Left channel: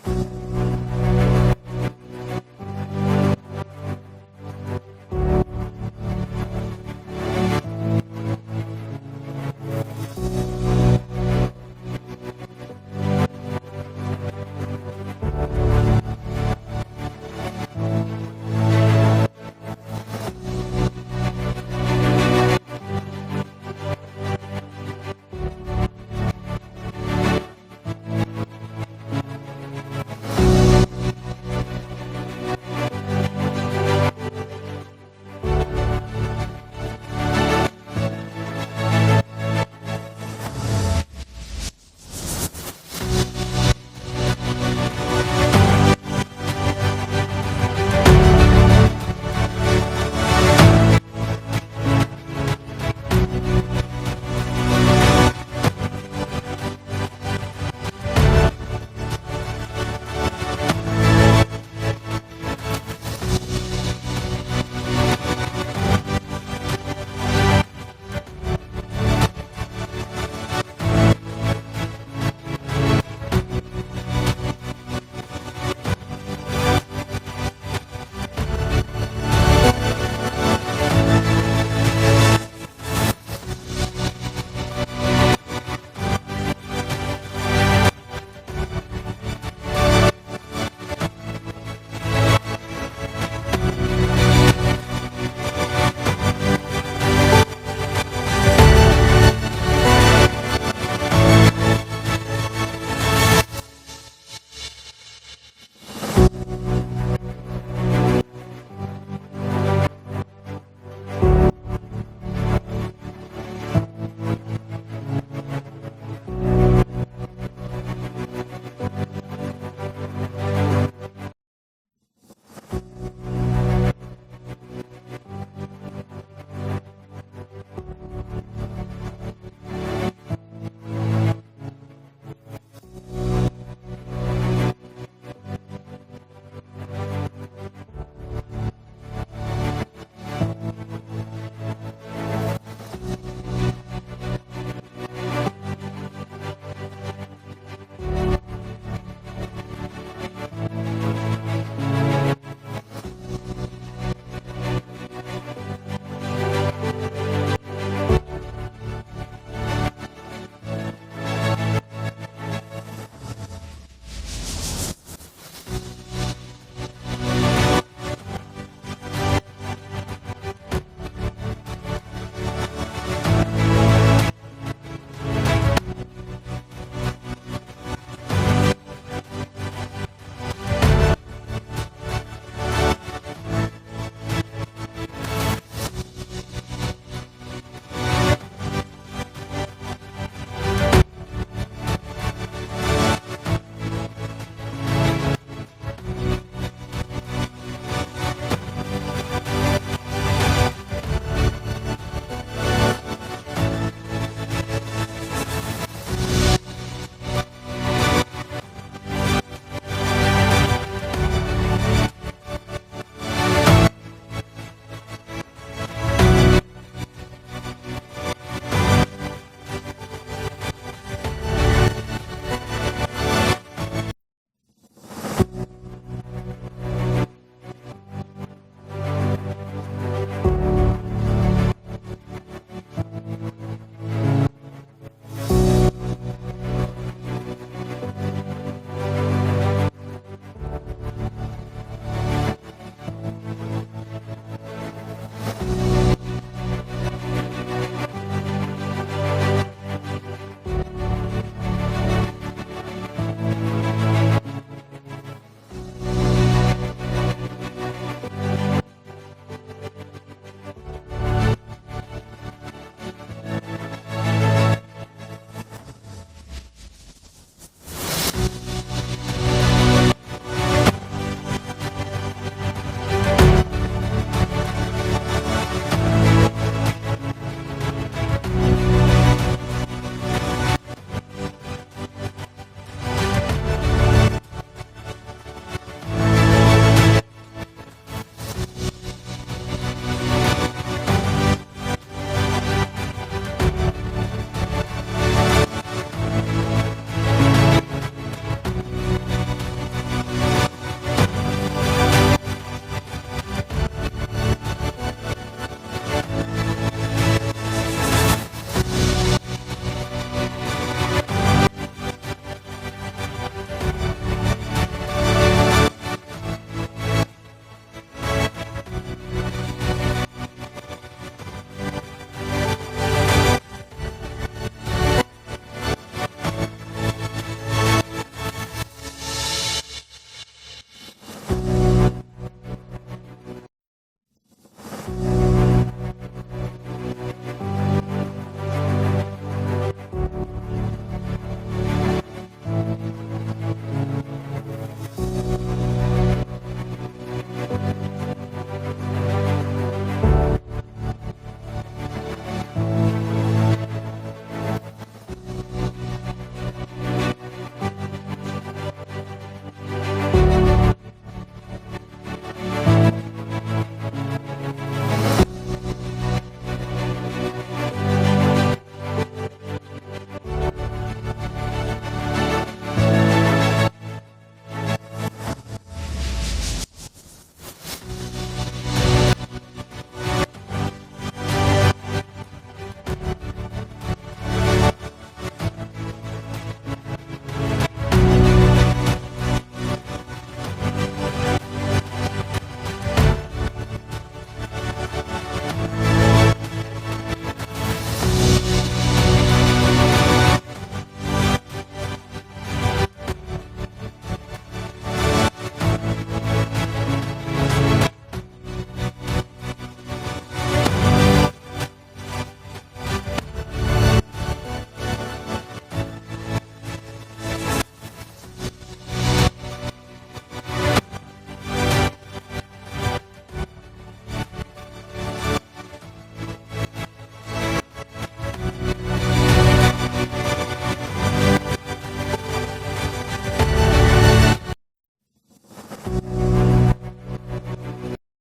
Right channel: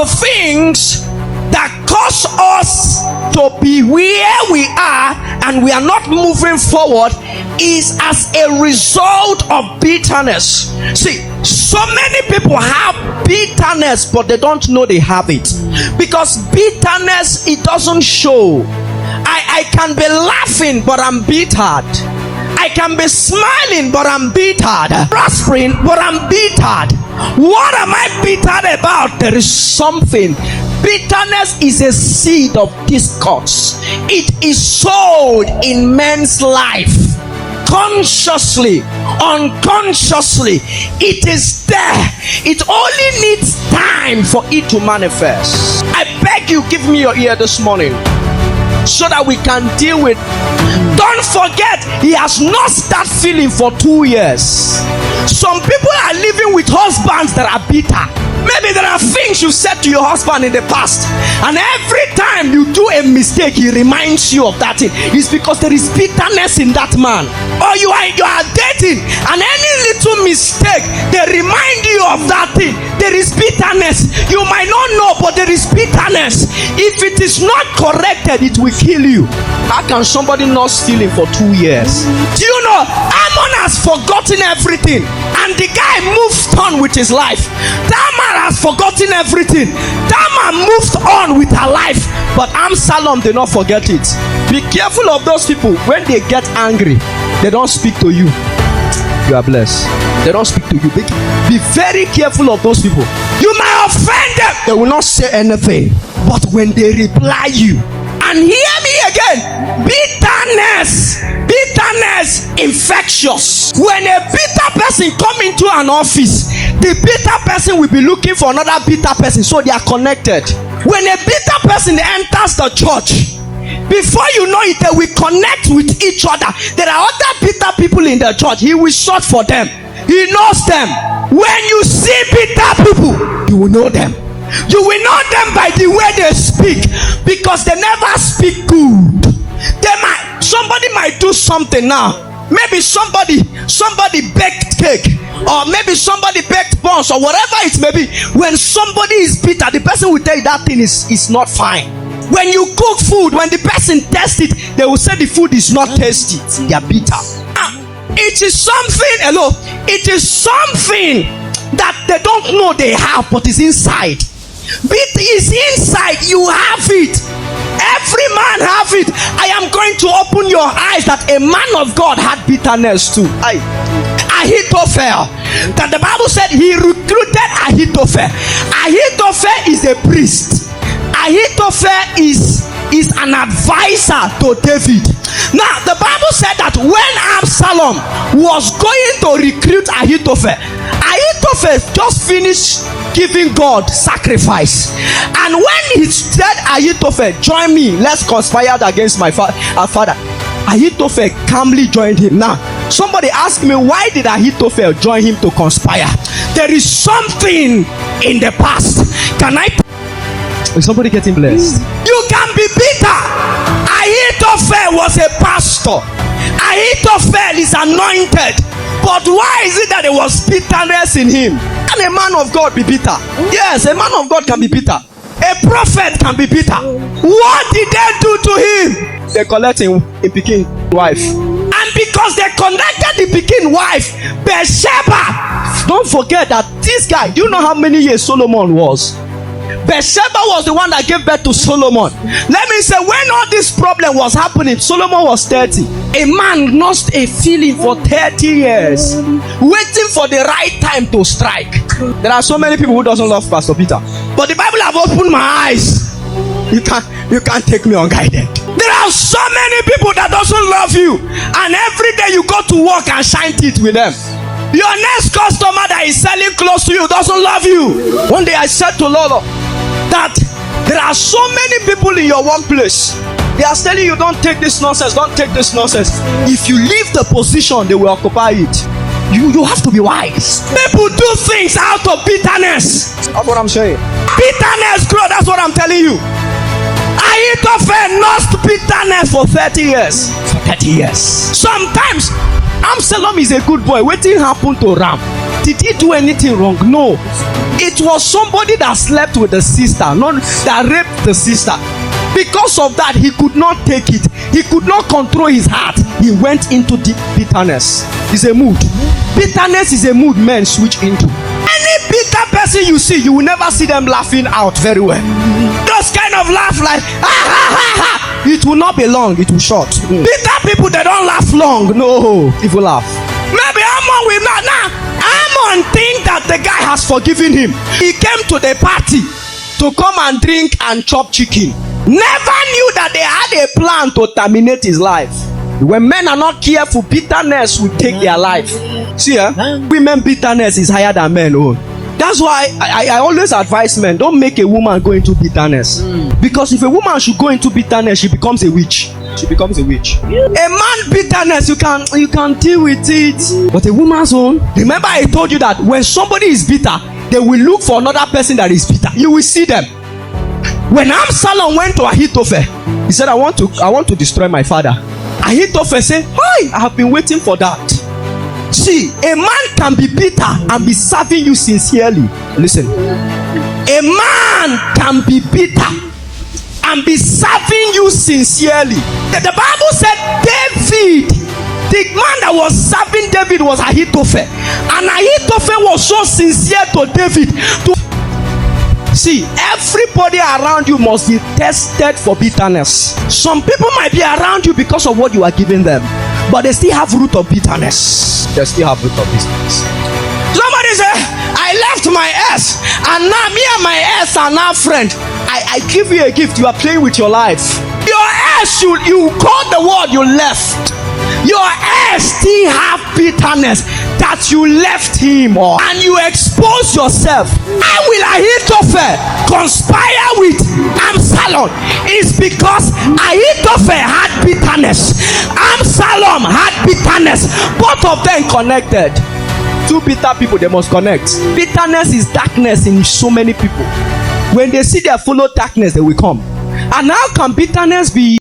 the things that cause us to be where we are and we are not moving forward is as a result of bitterness. See, so many people have bitterness, but they don't know they have it. Because bitterness, it doesn't show. I can be laughing, but I'm bittered. I can be smiling, but I'm bittered. Prospering, but I'm bittered. What am I bittered about? There is something. Bitterness is a seed of discourse. It is sowed in men's life. Consciously, unconsciously, it is there. It only needs time for it to manifest. I beg you, give me your ear this morning so that we can deal with. Don't forget, he has not started feeling for 2 years. Some people are living with husbands that are bitter. Maybe there are things you said to your husband in the past, and every time you do a mistake, he reminds you of that thing. It's because there is bitterness in that man. Or you are dating, and any little mistake, they remind you of that thing. There is bitterness. You might not know, but there is bitterness. If it is not corrected, it will kill you. How can somebody not steal it for 2 years? Do you know, Ammon has forgotten everything, and the guy moves on with his life. Tamar has forgotten everything. Tamar moved on with her life, but Absalom did not forget it. Be careful of those people. When they get angry, they don't speak to you. You are blessed. They don't speak to you. Be very careful of those people. You might offend them. They will not say anything. But when they reply you, and hear me again, bitterness, infectious. When a bitter person come into an office, the bitter person will be looking for another bitter person, so they are connected. When a bitter person enters the church, before you know it, they will connect with each other. There are other bitter people in the church. He will sort for them. He knows them. When you see bitter people, you will know them. You will know them by the way they speak, because they never speak good. Somebody might do something now. Maybe somebody baked cake, or maybe somebody baked buns, or whatever it may be. When somebody is bitter, the person will tell you that thing is not fine. When you cook food, when the person tests it, they will say the food is not tasty. They are bitter. It is something, hello, it is something that they don't know they have, but it's inside. It is inside. You have it. Every man have it. I am going to open your eyes that a man of God had bitterness too. Ahithophel, that the Bible said he recruited Ahithophel. Ahithophel is a priest. Ahithophel is an advisor to David. Now the Bible said that when Absalom was going to recruit Ahithophel just finished giving God sacrifice, and when he said, Ahithophel, join me, let's conspire against my father, Ahithophel calmly joined him. Now somebody asked me, why did Ahithophel join him to conspire? There is something in the past. Is somebody getting blessed? You can be bitter. Ahithophel was a pastor. Ahithophel is anointed. But why is it that there was bitterness in him? Can a man of God be bitter? Yes, a man of God can be bitter. A prophet can be bitter. What did they do to him? They collected a Pekin wife. And because they connected the Pekin wife, Bathsheba. Don't forget that this guy, do you know how many years Solomon was? Bathsheba was the one that gave birth to Solomon. Let me say, when all this problem was happening, Solomon was 30. A man lost a feeling for 30 years, waiting for the right time to strike. There are so many people who doesn't love Pastor Peter, but the Bible have opened my eyes. You can't take me unguided. There are so many people that doesn't love you, and every day you go to work and shine teeth with them. Your next customer that is selling close to you doesn't love you. One day I said to Lolo that there are so many people in your workplace. They are telling you, don't take this nonsense, don't take this nonsense. If you leave the position, they will occupy it. You have to be wise. People do things out of bitterness. That's what I'm saying. Bitterness grow, that's what I'm telling you. Ahithophel lost bitterness for 30 years. For 30 years. Sometimes Absalom is a good boy. What happened to Ram? Did he do anything wrong? No. It was somebody that slept with the sister, not that raped the sister. Because of that, he could not take it. He could not control his heart. He went into deep bitterness. It's a mood. Bitterness is a mood men switch into. Any bitter person you see, you will never see them laughing out very well. Those kind of laugh like ha ha ha ha. It will not be long. It will short. Bitter people, they don't laugh long. No, people laugh. Maybe Amon will not now. Amon think that the guy has forgiven him. He came to the party to come and drink and chop chicken. Never knew that they had a plan to terminate his life. When men are not careful, bitterness will take their life. See, women bitterness is higher than men. Oh, that's why I always advise men, don't make a woman go into bitterness. Because if a woman should go into bitterness, she becomes a witch. She becomes a witch. A man bitterness, you can deal with it. But a woman's own, remember I told you that when somebody is bitter, they will look for another person that is bitter. You will see them. When Absalom went to Ahithophel, he said, I want to destroy my father. Ahithophel said, hi, I have been waiting for that. See, a man can be bitter and be serving you sincerely. Listen. A man can be bitter and be serving you sincerely. The Bible said David, the man that was serving David was Ahithophel. And Ahithophel was so sincere to David. See, everybody around you must be tested for bitterness. Some people might be around you because of what you are giving them, but they still have root of bitterness. They still have root of bitterness. Somebody say, I left my ex, and now me and my ex are now friends. I give you a gift. You are playing with your life. Your ex, you call the word you left. Your ex still have bitterness that you left him, and you expose yourself. How will Ahithophel conspire with Absalom? It's because Ahithophel had bitterness. Absalom had bitterness. Both of them connected. Two bitter people, they must connect. Bitterness is darkness in so many people. When they see their fellow darkness, they will come. And how can bitterness be